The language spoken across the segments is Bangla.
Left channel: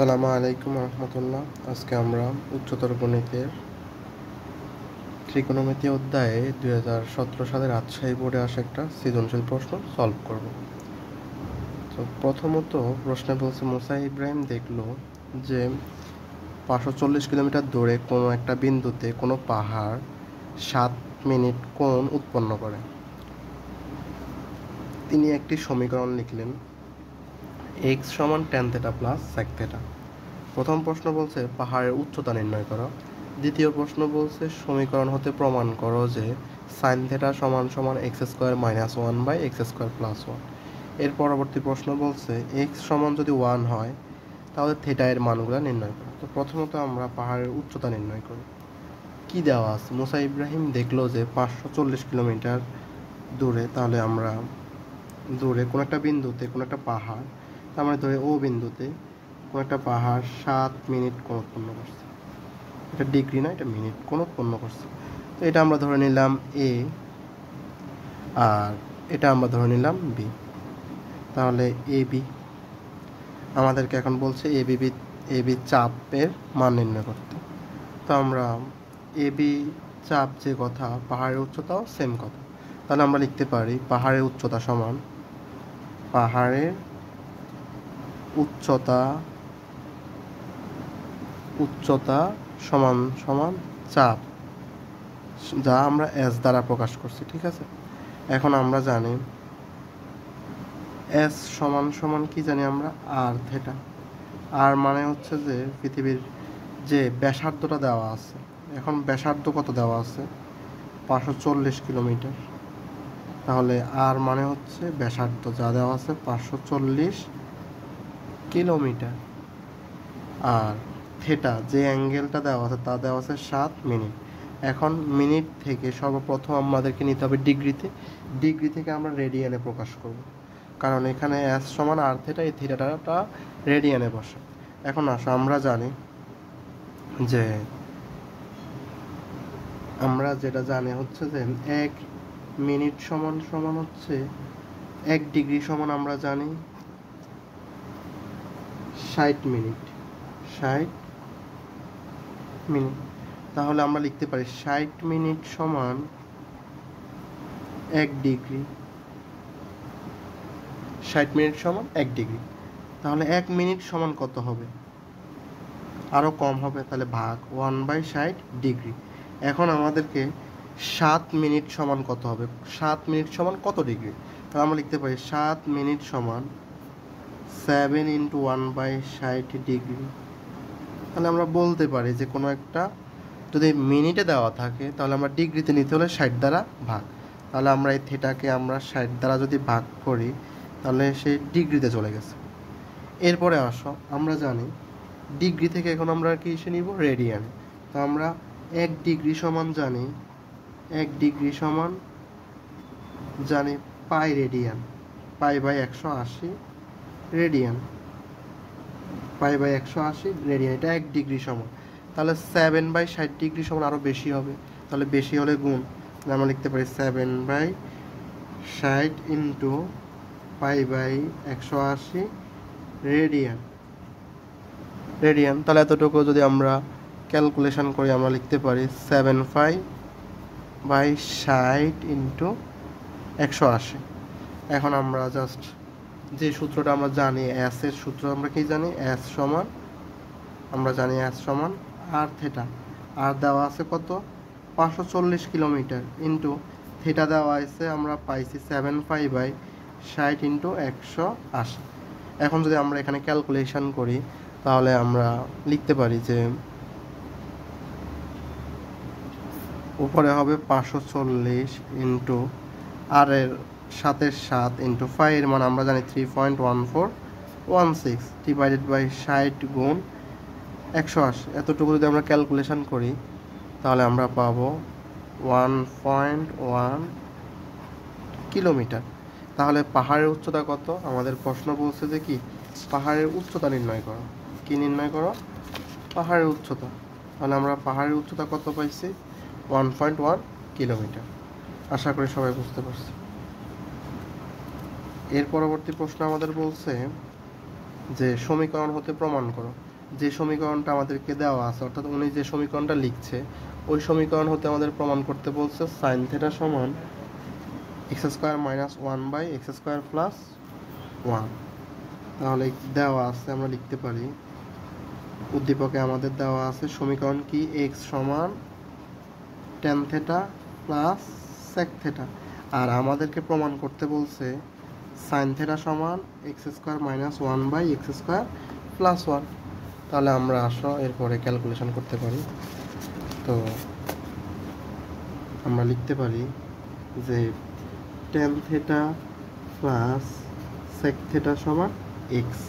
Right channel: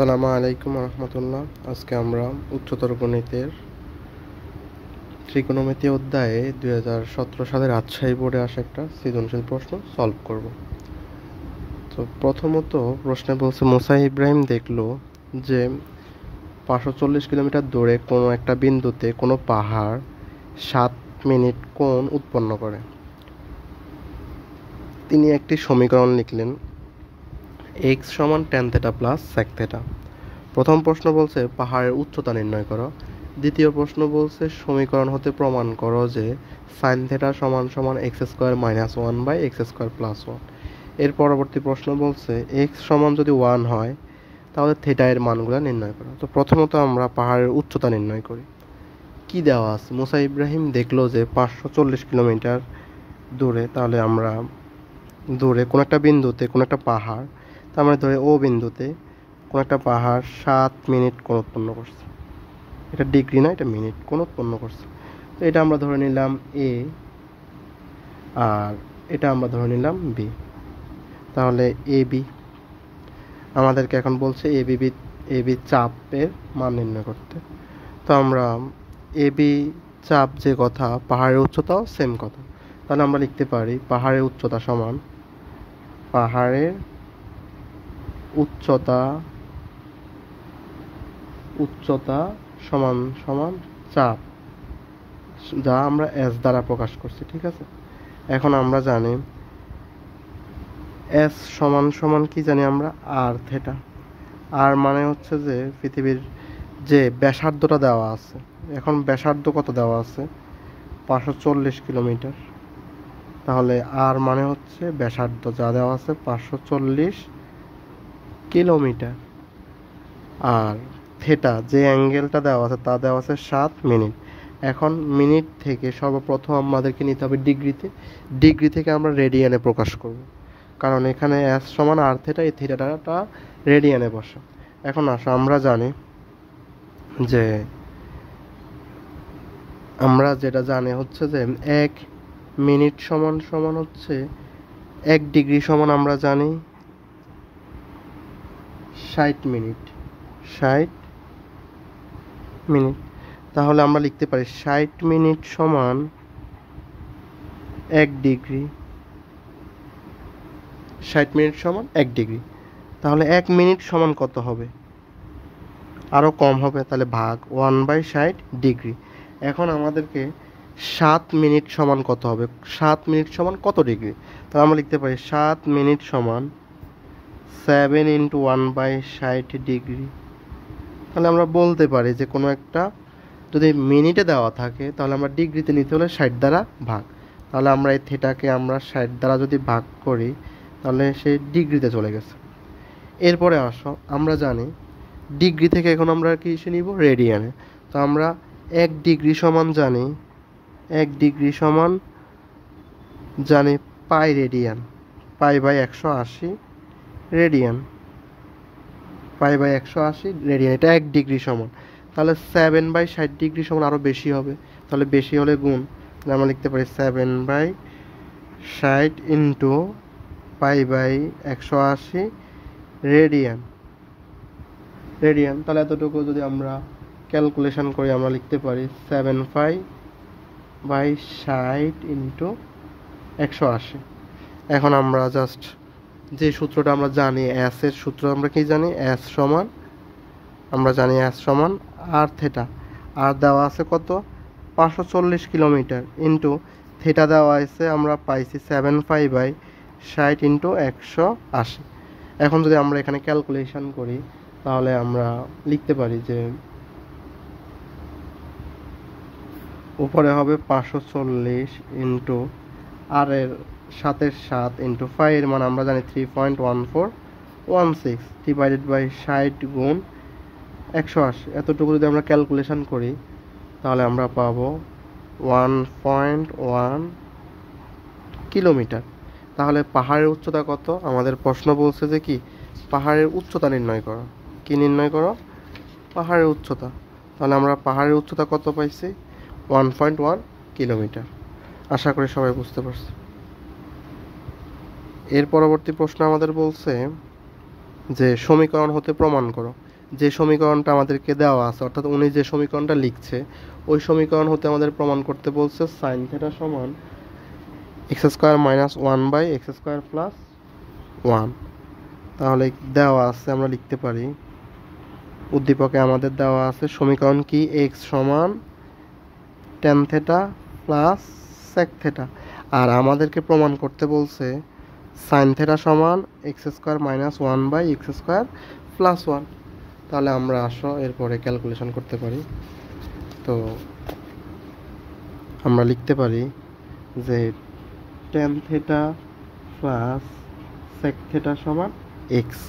আসসালামু আলাইকুম রহমতুল্লাহ। আজকে আমরা উচ্চতর গণিতের ত্রিকোণমিতি অধ্যায়ে 2017 সালের রাজশাহী বোর্ডে আসা একটা সৃজনশীল প্রশ্ন সলভ করব। তো প্রথমত প্রশ্নে বলছে, মুসা ইব্রাহিম দেখলো যে 540 কিলোমিটার দূরে কোনো একটা বিন্দুতে কোনো পাহাড় 7 মিনিট কোণ উৎপন্ন করে। তিনি একটি সমীকরণ লিখলেন, x সমান tan θ প্লাস sec θ। প্রথম প্রশ্ন বলছে পাহাড়ের উচ্চতা নির্ণয় করো। দ্বিতীয় প্রশ্ন বলছে সমীকরণ হতে প্রমাণ করো যে sin θ সমান সমান x² - 1/x² + 1। এর পরবর্তী প্রশ্ন বলছে x সমান যদি 1 হয় তাহলে থিটা এর মানগুলো নির্ণয় করো। তো প্রথমত আমরা পাহাড়ের উচ্চতা নির্ণয় করি। কি দেওয়া আছে? মুসা ইব্রাহিম দেখলো যে 540 কিলোমিটার দূরে, তাহলে আমরা দূরে কোনো একটা বিন্দুতে কোনো একটা পাহাড়, তার মানে ধরে ও বিন্দুতে কোনো একটা পাহাড় 7 মিনিট কোণ উৎপন্ন করছে। এটা ডিগ্রি না, এটা মিনিট কোণ উৎপন্ন করছে। তো এটা আমরা ধরে নিলাম এ, আর এটা আমরা ধরে নিলাম বি। তাহলে এ বি আমাদেরকে এখন বলছে এ বি চাপের মান নির্ণয় করতে। তো আমরা এ বি চাপ যে কথা, পাহাড়ের উচ্চতাও সেম কথা। তাহলে আমরা লিখতে পারি পাহাড়ের উচ্চতা সমান উচ্চতা সমান সমান চাপ, যা আমরা এস দ্বারা প্রকাশ করছি। ঠিক আছে, এখন আমরা জানি এস সমান সমান কি জানি আমরা, আর থিটা। আর মানে হচ্ছে যে পৃথিবীর যে ব্যাসার্ধটা দেওয়া আছে, এখন ব্যাসার্ধ কত দেওয়া আছে? 540 কিলোমিটার। তাহলে আর মানে হচ্ছে ব্যাসার্ধ যা দেওয়া আছে 540 কিলোমিটার। আর থিটা যে অ্যাঙ্গেলটা দেওয়া আছে তা দেওয়া আছে 7 মিনিট। এখন মিনিট থেকে সর্বপ্রথম আমাদেরকে নিতে হবে ডিগ্রি থেকে আমরা রেডিয়ানে প্রকাশ করব, কারণ এখানে এস সমান আর থিটা, এই থিটাটা রেডিয়ানে বসে। এখন আসো, আমরা জানি যে আমরা যেটা জানি হচ্ছে যে 1 মিনিট সমান সমান হচ্ছে 1 ডিগ্রি সমান আমরা জানি 60 মিনিট। তাহলে আমরা লিখতে পারি 60 মিনিট সমান 1 ডিগ্রি। 60 মিনিট সমান 1 ডিগ্রি। তাহলে 1 মিনিট সমান কত হবে? আরও কম হবে, তাহলে ভাগ 1/60 ডিগ্রি। এখন আমাদেরকে 7 মিনিট সমান কত হবে? 7 মিনিট সমান কত ডিগ্রি? তাহলে আমরা লিখতে পারি 7 মিনিট সমান 7 × 1/60 ডিগ্রি। তাহলে আমরা বলতে পারি যে কোনো একটা যদি মিনিটে দেওয়া থাকে তাহলে আমরা ডিগ্রিতে নিতে হলে 60 দ্বারা ভাগ। তাহলে আমরা এই থিটাকে আমরা 60 দ্বারা যদি ভাগ করি তাহলে সে ডিগ্রিতে চলে গেছে। এরপরে আসো, আমরা জানি ডিগ্রি থেকে এখন আমরা কি এসে নিব? রেডিয়ানে। তো আমরা 1 ডিগ্রি সমান জানি, 1 ডিগ্রি সমান জানি পাই রেডিয়ান, π/180 রেডিয়ান, π/180 রেডিয়ান। এটা 1 ডিগ্রি সমান। তাহলে 7/60 ডিগ্রি সমান আরও বেশি হবে, তাহলে বেশি হলে গুণ, আমরা লিখতে পারি 7/60 × π/180 রেডিয়ান। তাহলে এতটুকু যদি আমরা ক্যালকুলেশন করি আমরা লিখতে পারি 7/60 × 180। এখন আমরা জাস্ট যে সূত্রটা আমরা জানি, এস এর সূত্র আমরা কি জানি? এস সমান আমরা জানি এস সমান আর থিটা। আর দেওয়া আছে কত? 540 কিলোমিটার ইন্টু থিটা দেওয়া আছে আমরা পাইছি 7/60 × 180। এখন যদি আমরা এখানে ক্যালকুলেশন করি তাহলে আমরা লিখতে পারি যে উপরে হবে 540 ইন্টু আর এর 7 ইন্টু 5 এর মান আমরা জানি 3.1416 ডিভাইডেড বাই 60 গুণ 180। এতটুকু যদি আমরা ক্যালকুলেশন করি তাহলে আমরা পাবো 1.1 কিলোমিটার। তাহলে পাহাড়ের উচ্চতা কত? আমাদের প্রশ্ন বলছে যে কি পাহাড়ের উচ্চতা নির্ণয় করো। কি নির্ণয় করো? পাহাড়ের উচ্চতা। তাহলে আমরা পাহাড়ের উচ্চতা কত পাইছি? 1.1 কিলোমিটার। আশা করি সবাই বুঝতে পারছি। এর পরবর্তী প্রশ্ন আমাদের বলছে যে সমীকরণ হতে প্রমাণ করো। যে সমীকরণটা আমাদেরকে দেওয়া আছে, অর্থাৎ উনি যে সমীকরণটা লিখছে ওই সমীকরণ হতে আমাদের প্রমাণ করতে বলছে সাইন থিটা সমান x square minus one by x square plus one. তাহলে দেওয়া আছে, আমরা লিখতে পারি উদ্দীপকে আমাদের দেওয়া আছে সমীকরণ কি, এক্স সমান tan theta plus sec theta, আর আমাদেরকে প্রমাণ করতে বলছে সাইন থেটা সমান x square minus one by x square plus one. তাহলে আমরা আসো এরপরে ক্যালকুলেশন করতে পারি। তো আমরা লিখতে পারি যে tan theta plus sec theta সমান এক্স।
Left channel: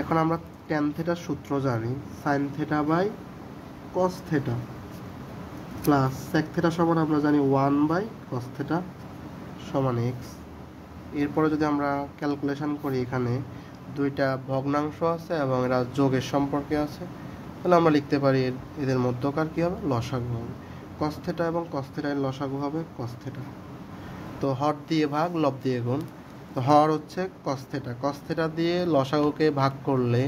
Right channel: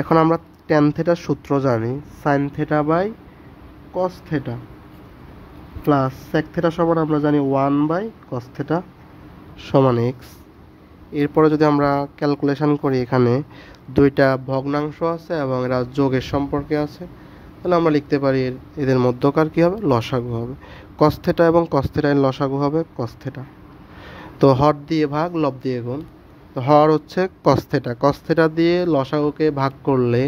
এখন আমরা ট্যান থেটার সূত্র জানি, sine theta by cos theta plus sec theta সমান আমরা জানি ওয়ান বাই কস থেটা সমান এক্স। এরপরে যদি আমরা ক্যালকুলেশন করি, এখানে দুইটা ভগ্নাংশ আছে এবং এরা যোগের সম্পর্কে আছে, তাহলে আমরা লিখতে পারি এদের মধ্যকার কী হবে, লসাগু হবে। কস থেটা এবং কস থেটার লসাগু হবে কস থেটা। তো হর দিয়ে ভাগ, লব দিয়ে গুণ। তো হর হচ্ছে কস থেটা, কস থেটা দিয়ে লসাগুকে ভাগ করলে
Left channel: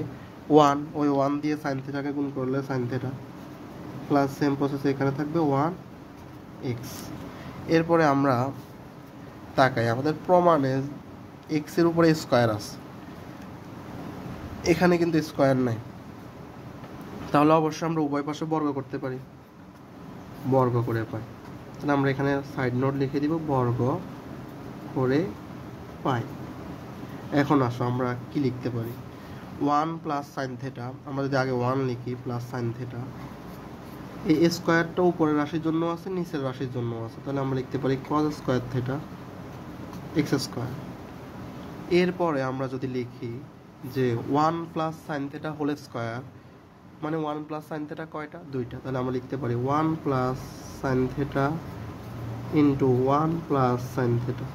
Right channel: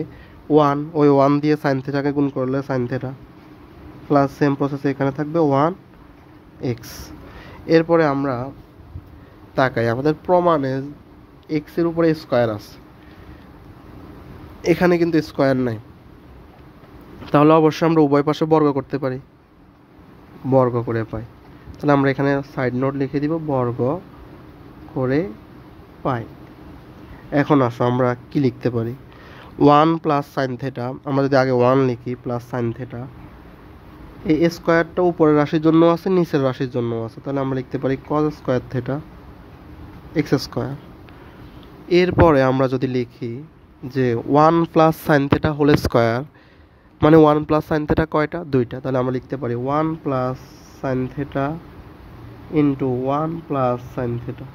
ওয়ান, ওই ওয়ান দিয়ে সাইন থেটাকে গুণ করলে sign theta, plus same process এখানে থাকবে ওয়ান এক্স। এরপরে আমরা তাকাই, আমাদের প্রমাণে এক্সের উপরে স্কোয়ার আছে, এখানে কিন্তু স্কোয়ার নাই, তাহলে অবশ্যই আমরা উভয় পাশে বর্গ করতে পারি, বর্গ করে পাই। তাহলে আমরা এখানে সাইড নোট লিখে দিব বর্গ করে পাই। এখন আসো আমরা কি লিখতে পারি, ওয়ান প্লাস সাইন থেটা, আমরা যদি আগে ওয়ান লিখি প্লাস সাইন থেটা, এই স্কোয়ারটা উপরের রাশির জন্য আছে, নিচের রাশির জন্য আছে, তাহলে আমরা লিখতে পারি cos square theta x square. এরপরে আমরা যদি লিখি যে one plus sine theta whole square, মানে ওয়ান প্লাস সাইন থেটা কয়টা, দুইটা, তাহলে আমরা লিখতে পারি one plus sine theta into one plus sine theta.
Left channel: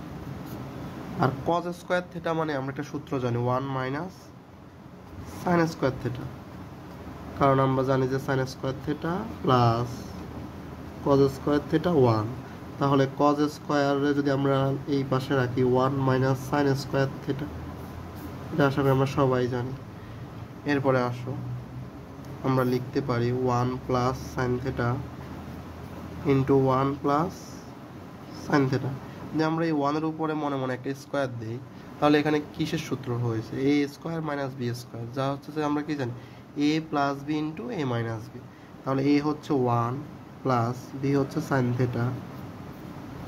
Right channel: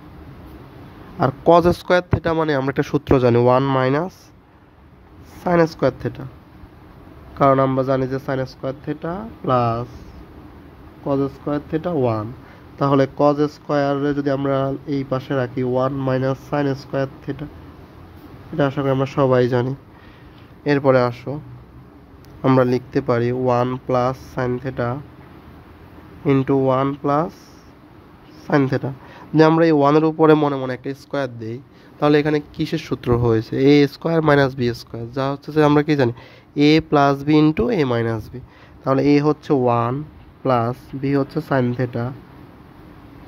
আর কজ স্কোয়ার থেটা মানে আমরা একটা সূত্র জানি, one minus sine square theta, কারণ আমরা জানি যে sine square theta plus cos square theta one. তাহলে কজ স্কোয়ারে যদি আমরা এই পাশে রাখি one minus sine square theta, এটা আশা করি আমরা সবাই জানি। এরপরে আসো আমরা লিখতে পারি one plus sine theta into one plus sine theta. যদি আমরা এই ওয়ানের উপরে মনে মনে একটা স্কোয়ার দিই, তাহলে এখানে কিসের সূত্র হয়েছে, a square minus b square, যা হচ্ছে যে আমরা কি জানি a plus b into a minus b. তাহলে এ হচ্ছে ওয়ান প্লাস বি হচ্ছে sine theta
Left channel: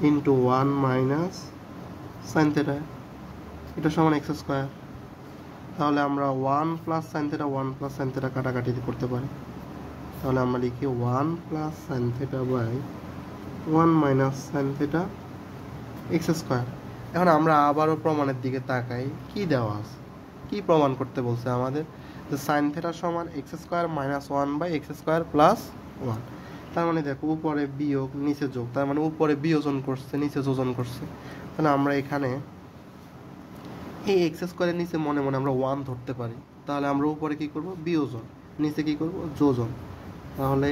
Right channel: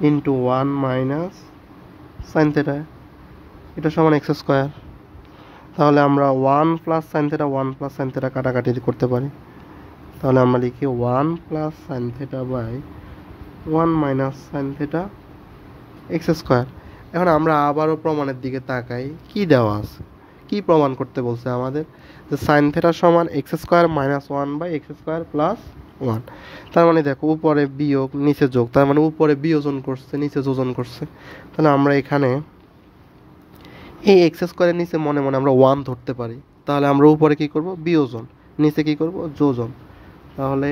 into one minus sine theta, এটা সমান এক্স স্কোয়ার। তাহলে আমরা one plus sine theta, one plus sine theta কাটাকাটি করতে পারি, তাহলে আমরা লিখি one plus sine theta by one minus sine theta x square. এখন আমরা আবারও প্রমাণের দিকে তাকাই, কি দেওয়া আছে, কি প্রমাণ করতে বলছে আমাদের, যে সাইন থেটা সমান x square minus one by x square plus one. তার মানে দেখো উপরে বিয়োগ নিচে যোগ, তার মানে উপরে বিয়োজন করছে নিচে যোজন করছে। তাহলে আমরা এখানে এই এক্স স্কোয়ারের নিচে মনে মনে আমরা ওয়ান ধরতে পারি, তাহলে আমরা উপরে কি করব, বিয়োজন, নিচে কি করব, যোজন। তাহলে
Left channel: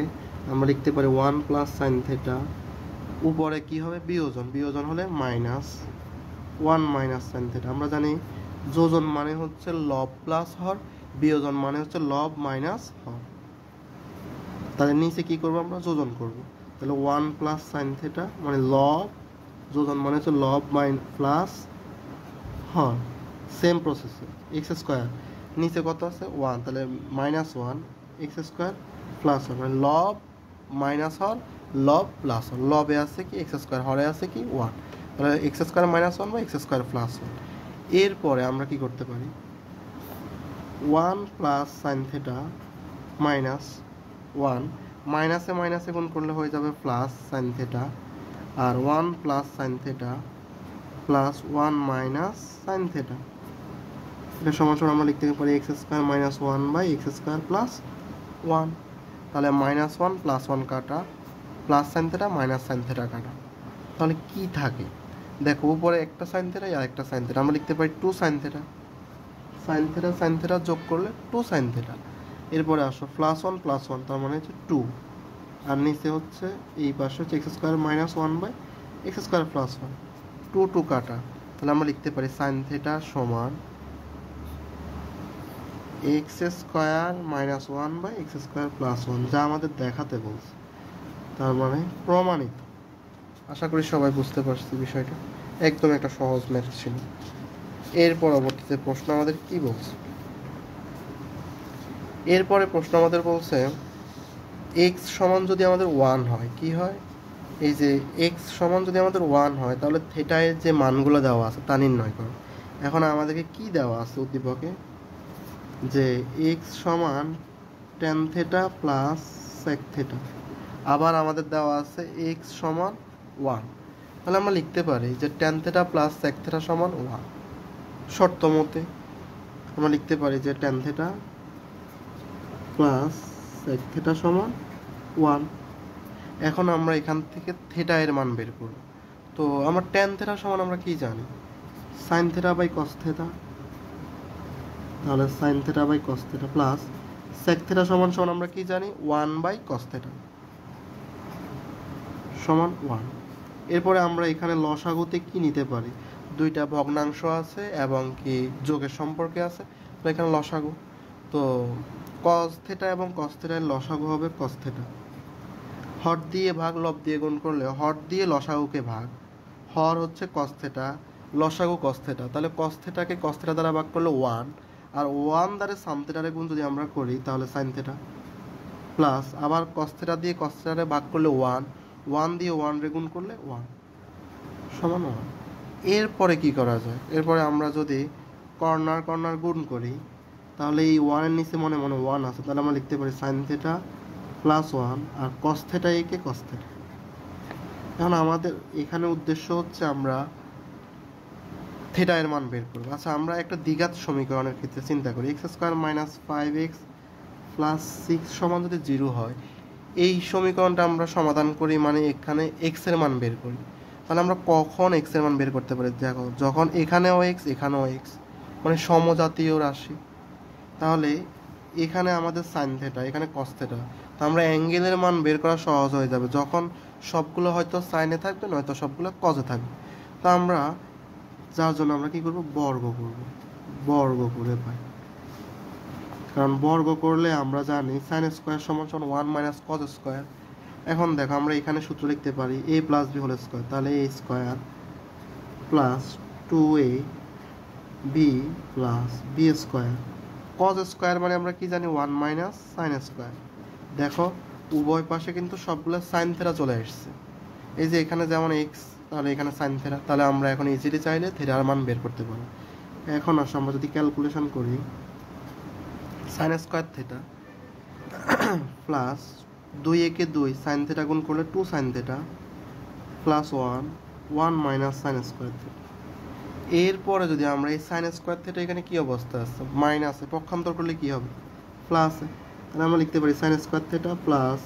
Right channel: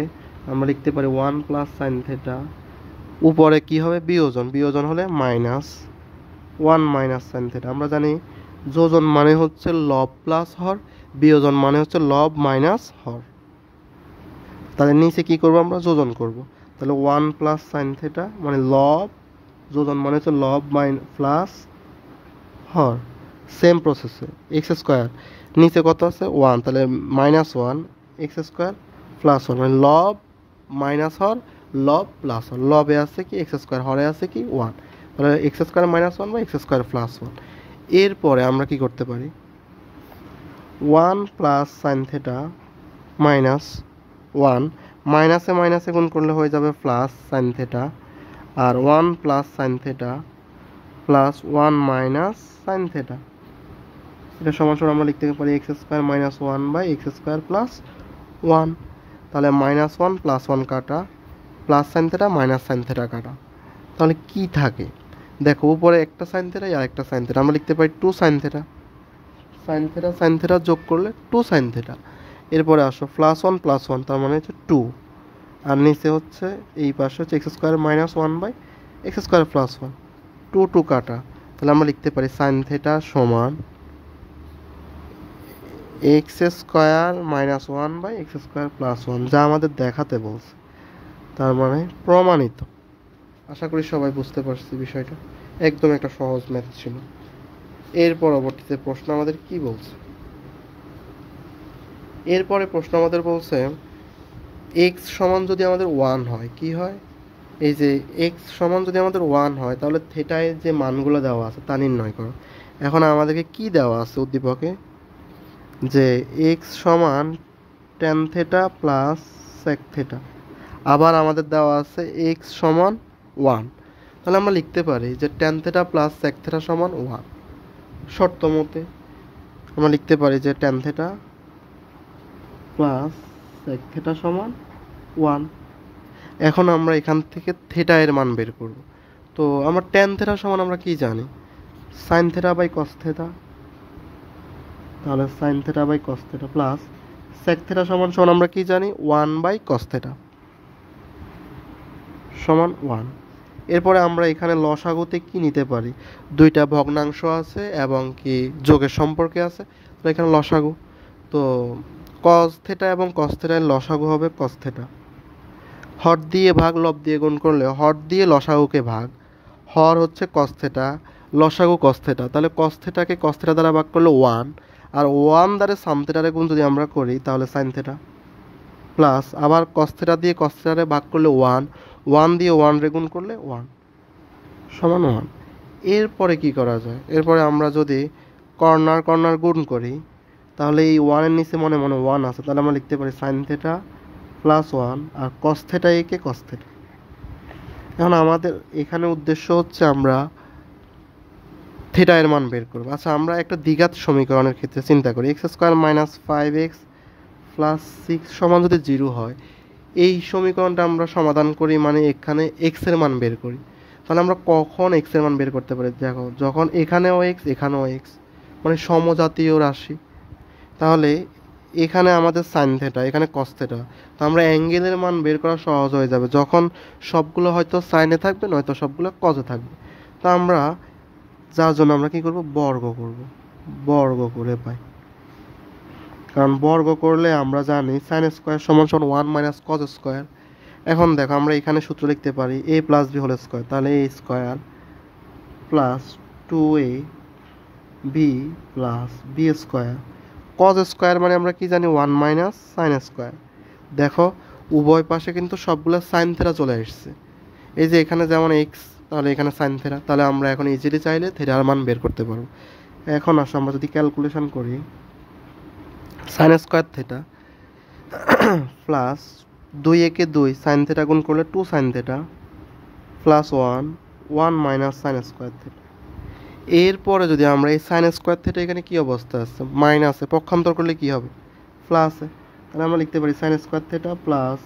আমরা লিখতে পারি ওয়ান প্লাস সাইন থেটা, উপরে কি হবে, বিয়োজন, বিয়োজন হলে minus one minus sine theta. আমরা জানি যোজন মানে হচ্ছে লব প্লাস হর, বিয়োজন মানে হচ্ছে লব মাইনাস হর। তাহলে নিচে কি করব, আমরা যোজন করব। তাহলে ওয়ান প্লাস সাইন থেটা মানে লব, যোজন মানে হচ্ছে লব প্লাস হর, সেম প্রসেসে এক্স স্কোয়ার, নিচে কত আছে ওয়ান, তাহলে minus one x square plus one, মানে লব মাইনাস হর লব প্লাস ওয়ান, লবে আছে কি এক্স স্কোয়ার, হরে আছে কি ওয়ান, তাহলে এক্স স্কোয়ার মাইনাস ওয়ান বা এক্স স্কোয়ার প্লাস ওয়ান। এরপরে আমরা কি করতে পারি, one plus sine theta minus one, মাইনাসে মাইনাসে গুণ করলে হয়ে যাবে প্লাস সাইন থেটা, আর one plus sine theta plus one minus sine theta, এটা সমান সমান আমরা লিখতে পারি x square minus one by x square plus one. তাহলে মাইনাস ওয়ান প্লাস ওয়ান কাটা, plus sine theta minus sine theta কাটা, তাহলে কি থাকে দেখো, উপরে একটা সাইন থেটা আর একটা সাইন থেটা, আমরা লিখতে পারি two sine theta, sine theta sine theta যোগ করলে টু সাইন থেটা। এরপরে আসো প্লাস ওয়ান তার মানে হচ্ছে টু, আর নিচে হচ্ছে এই পাশে হচ্ছে x square minus one by x square plus one, two two কাটা, তাহলে আমরা লিখতে পারি সাইন থেটা সমান x square minus one by x square plus one, যা আমাদের দেখাতে বলছে, তার মানে প্রমাণিত। আশা করি সবাই বুঝতে পারছি বিষয়টা, একদম একটা সহজ ম্যাথ ছিল। এর পরবর্তীতে প্রশ্ন আমাদের কি বলছে, এরপরে প্রশ্ন আমাদের বলছে এক্স সমান যদি আমাদের ওয়ান হয় কি হয়, এই যে এক্স সমান যদি আমাদের ওয়ান হয় তাহলে থেটায় যে মানগুলো দেওয়া আছে তা নির্ণয় করো। এখন আমাদেরকে কি দেওয়া আছে উদ্দীপকে, যে এক্স সমান tan theta plus sec theta, আবার আমাদের দেওয়া আছে এক্স সমান ওয়ান। তাহলে আমরা লিখতে পারি যে tan theta plus sec theta সমান ওয়ান। শর্ত মতে আমরা লিখতে পারি যে tan theta plus sec theta সমান ওয়ান। এখন আমরা এখান থেকে থেটা এর মান বের করব। তো আমার ট্যান থেটা সমান আমরা কি জানি, sine theta by cos theta. তাহলে sine theta by cos theta plus sec theta সমান সমান আমরা কি জানি, ওয়ান বাই কস থেটা সমান ওয়ান। এরপরে আমরা এখানে লসাগুতে কি নিতে পারি, দুইটা ভগ্নাংশ আছে এবং কি যোগের সম্পর্কে আছে, তো এখানে লসাগু, তো কস থেটা এবং কস থেটার লসাগু হবে কস থেটা। হর দিয়ে ভাগ লব দিয়ে গুণ করলে হর দিয়ে লসাগুকে ভাগ, হর হচ্ছে কস থেটা, লসাগু কস থেটা, তাহলে কস থেটাকে কস থেটা দ্বারা ভাগ করলে ওয়ান, আর ওয়ান দ্বারা সাম থেটারে গুণ যদি আমরা করি তাহলে সাইন থেটা, প্লাস আবার কস থেটা দিয়ে কস থেটারে ভাগ করলে ওয়ান, ওয়ান দিয়ে ওয়ান রে গুণ করলে ওয়ান সমান ওয়ান। এরপরে কি করা যায়, এরপরে আমরা যদি কর্নার কর্নার গুণ করি তাহলে এই ওয়ানের নিচে মনে মনে ওয়ান আছে, তাহলে আমরা লিখতে পারি সাইন থেটা প্লাস ওয়ান আর কস থেটা একে কস থেটা। এখন আমাদের এখানে উদ্দেশ্য হচ্ছে আমরা থেটা এর মান বের করবো। আচ্ছা, আমরা একটা দ্বিঘাত সমীকরণের ক্ষেত্রে চিন্তা করি, x square minus five x plus six সমান যদি জিরো হয়, এই সমীকরণটা আমরা সমাধান করি মানে এখানে এক্স এর মান বের করি। তাহলে আমরা কখন এক্স এর মান বের করতে পারি, দেখো যখন এখানেও এক্স এখানেও এক্স, মানে সমজাতীয় রাশি। তাহলে এখানে আমাদের সাইন থেটা, এখানে কস থেটা, তো আমরা অ্যাঙ্গেলের মান বের করা সহজ হয়ে যাবে যখন সবগুলো হয়তো সাইনে থাকবে নয়তো সবগুলো কজে থাকবে। তো আমরা যার জন্য আমরা কি করব, বর্গ করব, বর্গ করে পাই, কারণ বর্গ করলে আমরা জানি সাইন স্কোয়ার সমান সমান ওয়ান মাইনাস কজ স্কোয়ার। এখন দেখো আমরা এখানে সূত্র লিখতে পারি a plus b whole square, তাহলে a square plus two a b plus b square, cos square মানে আমরা কি জানি ওয়ান মাইনাস সাইন স্কোয়ার। দেখো উভয় পাশে কিন্তু সবগুলো সাইন থেটা চলে আসছে, এই যে এখানে যেমন এক্স তাহলে এখানে সাইন থেটা, তাহলে আমরা এখন ইজিলি চাইলে থেটার মান বের করতে পারবো। এখন আসো আমরা যদি ক্যালকুলেশন করি, সাইন স্কোয়ার থেটা প্লাস দুই একে দুই সাইন থেটা গুণ করলে two sine theta plus one, one minus sine square theta. এরপরে যদি আমরা এই সাইন স্কোয়ার থেটা এখানে কি অবস্থা আছে, মাইনাসে, পক্ষান্তর করলে কি হবে, প্লাসে, তাহলে আমরা লিখতে পারি sine square theta plus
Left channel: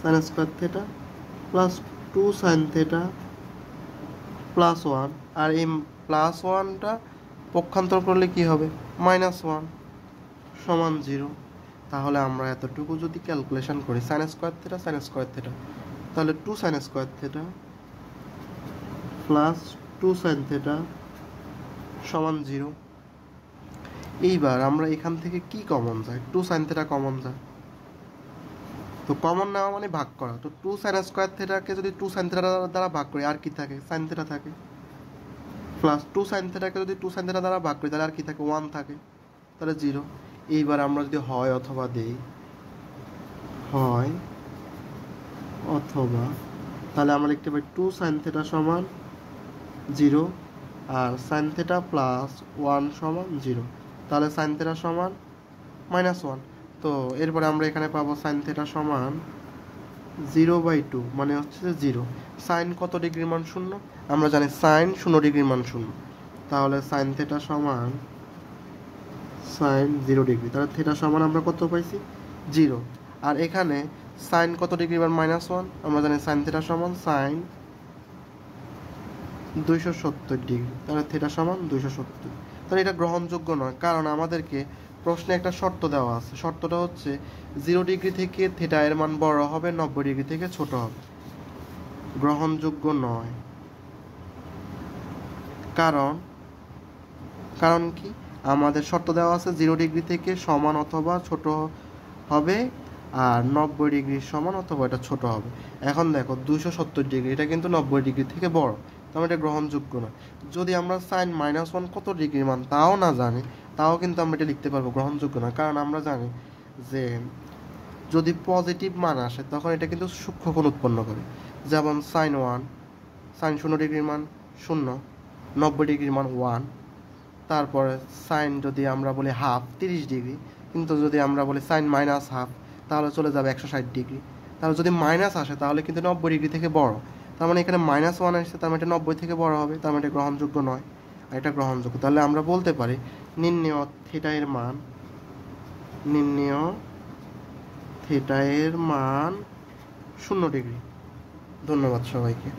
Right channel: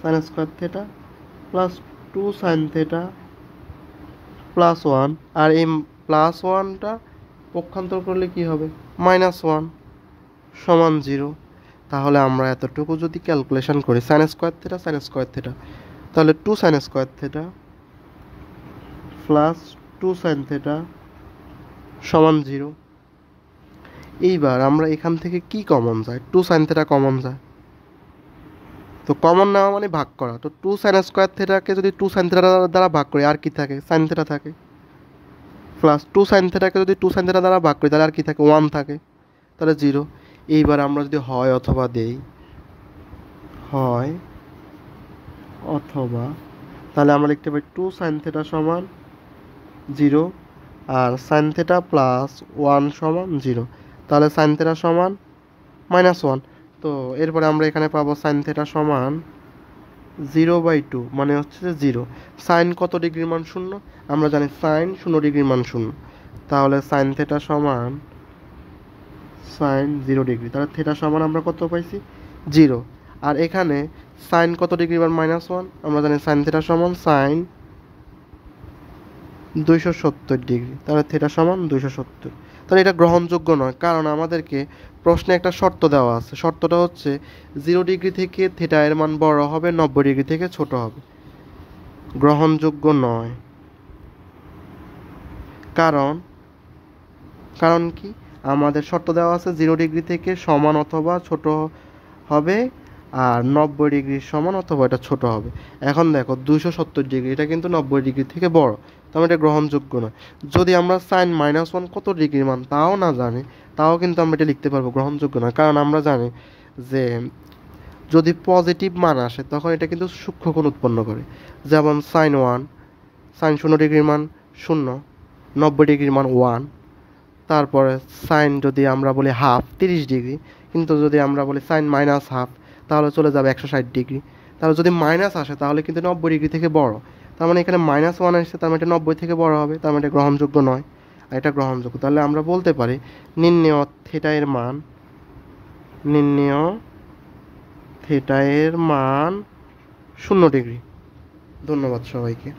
sine square theta plus two sine theta plus one, আর এই প্লাস ওয়ানটা পক্ষান্তর করলে কি হবে, মাইনাস ওয়ান সমান জিরো। তাহলে আমরা এতটুকু যদি ক্যালকুলেশন করি সাইন স্কোয়ার থেটা, তাহলে two sine square theta plus two sine theta সমান জিরো। এইবার আমরা এখান থেকে কি কমন যায়, টু সাইন থেটা কমন যায়, তো কমন নেওয়া মানে ভাগ করা, তো টু সাইন স্কোয়ার থেটাকে যদি টু সাইন থেটা দ্বারা ভাগ করি আর কি থাকে, সাইন থেটা থাকে, প্লাস টু সাইন থেটাকে যদি টু সাইন থেটা দ্বারা ভাগ করি তাহলে আর কি থাকে, ওয়ান থাকে, তাহলে জিরো। এইবার আমরা যদি হয় অথবা দেই, হয় অথবা, তাহলে আমরা লিখতে পারি টু সাইন থেটা সমান জিরো আর সাইন থেটা প্লাস ওয়ান সমান জিরো, তাহলে সাইন থেটা সমান মাইনাস ওয়ান। তো এরপরে আমরা এখানে পাবো সাইন থেটা সমান জিরো বাই টু, মানে হচ্ছে যে জিরো। সাইন কত ডিগ্রির মান শূন্য, আমরা জানি সাইন 0 ডিগ্রির মান শূন্য, তাহলে সাইন থেটা সমান সাইন 0 ডিগ্রি, তাহলে থেটা সমান আমরা কত পাইছি, জিরো। আর এখানে সাইন কত ডিগ্রি মান মাইনাস ওয়ান, আমরা জানি সাইন থেটা সমান সাইন 270 ডিগ্রি, তাহলে থেটা সমান 270। তাহলে এটা গ্রহণযোগ্য নয়, কারণ আমাদেরকে প্রশ্নে একটা শর্ত দেওয়া আছে, শর্তটা হচ্ছে 0 ডিগ্রি থেকে থেটা এর মান বড় হবে, 90 ডিগ্রি থেকে ছোট হবে, গ্রহণযোগ্য নয়। কারণ কারণ কি, আমাদের শর্ত দেওয়া আছে 0 ডিগ্রি থেকে সমান অথবা ছোট হবে, আর 90 ডিগ্রি সমান অথবা এটা ছোট হবে। এখন দেখো 270 ডিগ্রি, এটা কিন্তু 90 ডিগ্রি থেকে বড়, তাহলে এটা গ্রহণযোগ্য নয়। যদি আমরা সাইন -1 কত ডিগ্রির মান তাও না জানি, তাও কিন্তু আমরা এটা লিখতে পারবো গ্রহণযোগ্য নয়, কারণ আমরা জানি যে যদি পজিটিভ মান আসে তখন এটা কিন্তু সূক্ষ্মকোণ উৎপন্ন করে। যেমন সাইন 0 ডিগ্রির মান 0, 90 ডিগ্রির মান 1। তারপরে সাইন যদি আমরা বলি হাফ 30 ডিগ্রি, কিন্তু যদি আমরা বলি সাইন -1/2 তাহলে চলে যাবে 160 ডিগ্রি। তাহলে যদি মাইনাস আসে তাহলে কিন্তু 90 ডিগ্রি থেকে বড়, তার মানে এখানে -1 আসছে, তার মানে এটা 90 থেকে বড় হবে, তার মানে এটা গ্রহণযোগ্য নয়, আর এটা গ্রহণযোগ্য। তাহলে আমরা বলতে পারি নির্ণেয় থিটা এর মান 0 ডিগ্রি। ধন্যবাদ সবাইকে।